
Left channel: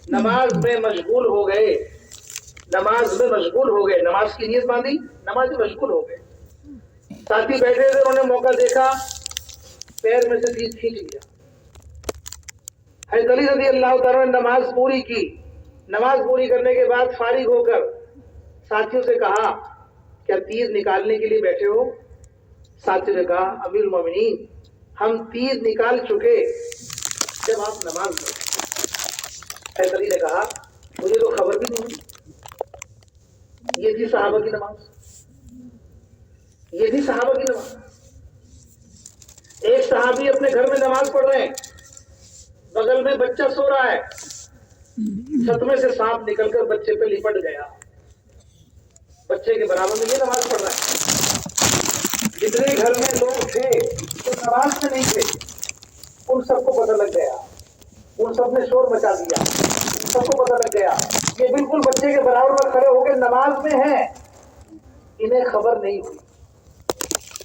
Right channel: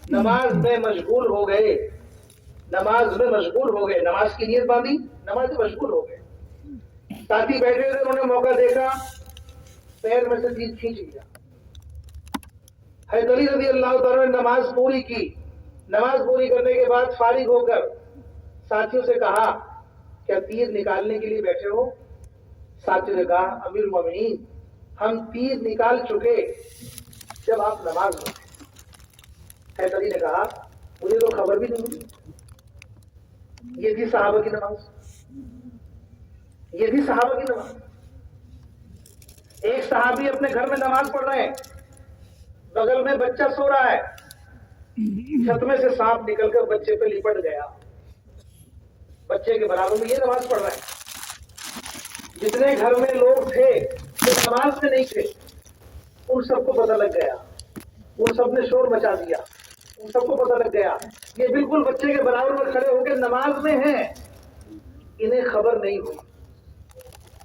نماز میں مشغول ہو گئے، نماز میں مشغول ہو گئے، نماز کی نیت باندھی، نماز میں مشغول ہو گئے۔ ساتھی بیٹھے تھے، انہوں نے موقع دیکھا، پیر میں سے تیر کھینچ لیا۔ حضرت علی رضی اللہ تعالیٰ نے نماز پوری کی، نماز پوری کرنے کے بعد فارغ ہو کر ساتھیوں سے کہا کیا تیر نکالنے کے لیے بیٹھے ہو؟ ساتھیوں نے کہا امیر المومنین ہم تیر نکال چکے جب آپ نماز میں۔ حضرت علی نے کہا مجھے تو خبر بھی نہیں، یہ تھی صحابہ کی نماز، یہ تھی صحابہ کی نماز۔ ایک صحابی اپنے گھر میں نماز پڑھ رہے ہیں، بغل میں بچہ سو رہا ہے، چھت میں سے سانپ نکل کر بچے پہ لپٹ گیا، بچے کے برابر میں یہ نماز پڑھ رہا ہے۔ جتنے گھر میں لوگ تھے جو نماز میں نہیں تھے ان سب کو پتہ لگ گیا، ان سب نے شور مچا دیا، ان سب کو پتہ لگ گیا یہ بالکل بچے کے برابر میں کھڑے ہو کے نماز میں ہیں، انہیں خبر نہیں ہوئی۔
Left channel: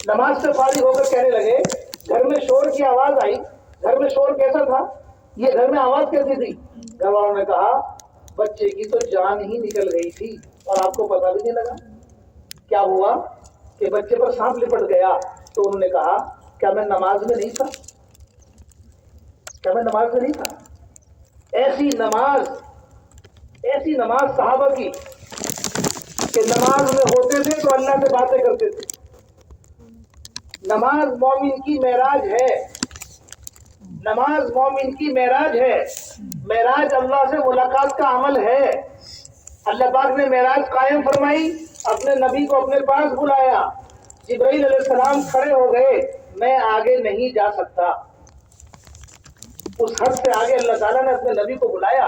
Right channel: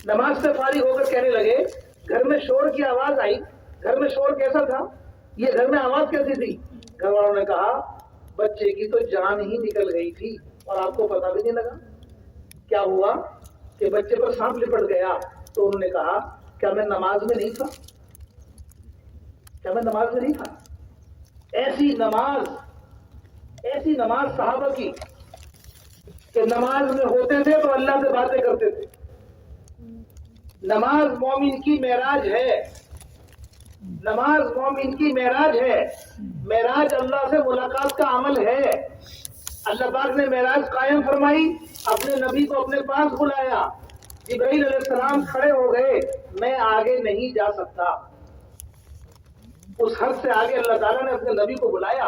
نماز سے فارغ ہو کر کہنے لگے گھر میں شور کی آواز آئی، گھر میں شور کیسا تھا؟ یہ گھر میں آواز کیسی تھی؟ گھر والوں نے کہا بچے کی تو جان ہی نکل گئی تھی اور آپ کو پتہ بھی نہیں لگا۔ کیا ہوا کہ بچے پر سانپ لپٹ گیا؟ تو انہوں نے کہا کیا میں نماز میں نہیں تھا؟ کیا میں نماز میں نہیں تھا؟ ایسی نماز صحابہ کی کہ نماز میں ہوتے تھے تو اللہ سے باتیں کرتے تھے۔ نماز مومن کی معراج ہے، نماز مومن کی معراج ہے، معراج اللہ سے ملاقات کا عمل ہے۔ اللہ پاک نے معراج قائم فرمائی، اپنے نبی کو اپنے پاس بلایا، جبرائیل علیہ السلام کھڑے ہو گئے، میں آگے نہیں جا سکتا۔ اس حد سے آگے اللہ تعالیٰ نے اپنے نبی کو بلایا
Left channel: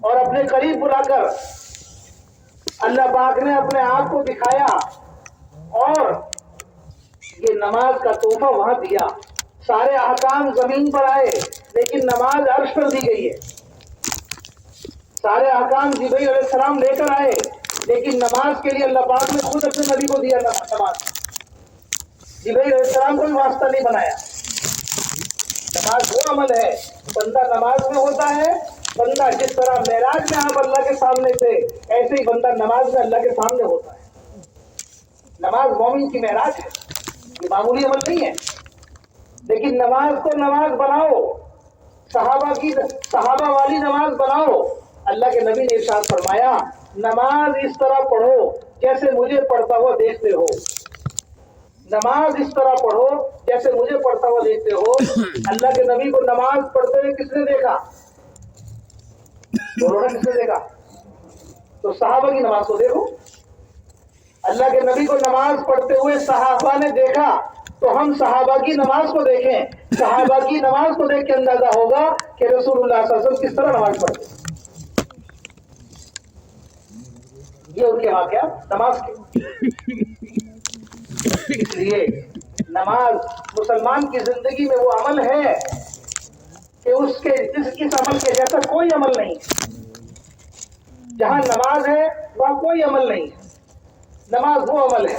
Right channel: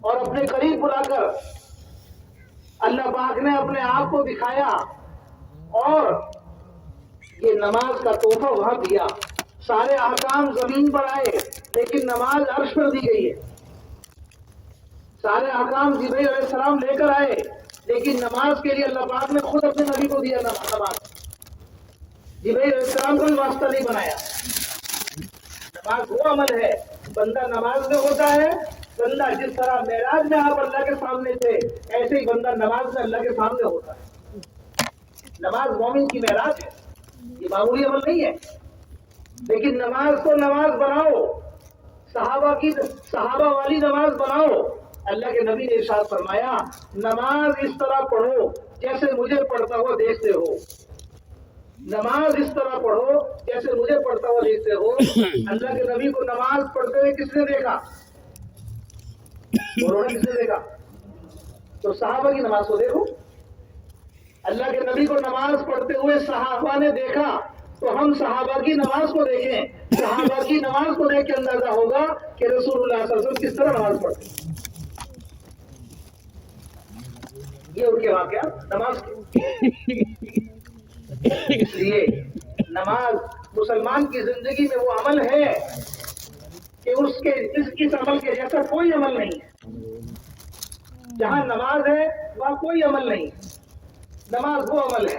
اور اپنے قریب بلا کر اللہ پاک نے اپنے آپ کو دکھایا اور یہ نماز کا تحفہ وہاں دیا۔ سارے احکام زمین پر آئے لیکن نماز عرش پر دی گئی ہے۔ سارے احکام جبرائیل علیہ السلام لے کر آئے لیکن نماز کے لیے اللہ پاک نے خود اپنے نبی کو دیا نماز۔ جبرائیل علیہ السلام کو بھی واسطہ نہیں بنایا۔ نماز وہ عمل ہے، بندہ نماز میں ہوتا ہے، بندہ جس طرح معراج میں آپ اللہ کے سامنے تھے ایسے ہی بندہ نماز میں اللہ کے سامنے ہوتا ہے۔ نماز مومن کی معراج ہے، یہ معمولی عمل نہیں ہے۔ لیکن نماز کو نماز بناؤ، صحابہ والی نماز بناؤ۔ اللہ کے نبی نے ارشاد فرمایا نماز اس طرح پڑھو جیسے مجھے پڑھتا ہوا دیکھتے ہو، نماز اس طرح پڑھو جیسے مجھے پڑھتا ہوا دیکھتے ہو۔ اللہ کے نبی کو نماز پڑھتے ہوئے کس نے دیکھا؟ دونوں نے کس نے دیکھا؟ تو صحابہ کی نماز کو دیکھو۔ اللہ کے نبی کو نماز پڑھتے ہوئے صحابہ نے دیکھا تو ہم صحابہ کی نماز کو دیکھیں۔ صحابہ کی نماز کو دیکھ کے اندازہ ہوگا کہ رسول اللہ صلی اللہ علیہ وسلم کس طرح نماز پڑھتے۔ یہ ان کے واقعات نماز کے۔ اس لیے نماز مسلمان کی زندگی میں وہ عمل ہے کہ اس عمل کے جیسا کوئی عمل نہیں ہے۔ جہاں نماز ہے وہاں کوئی عمل نہیں ہے۔ نماز وہ عمل ہے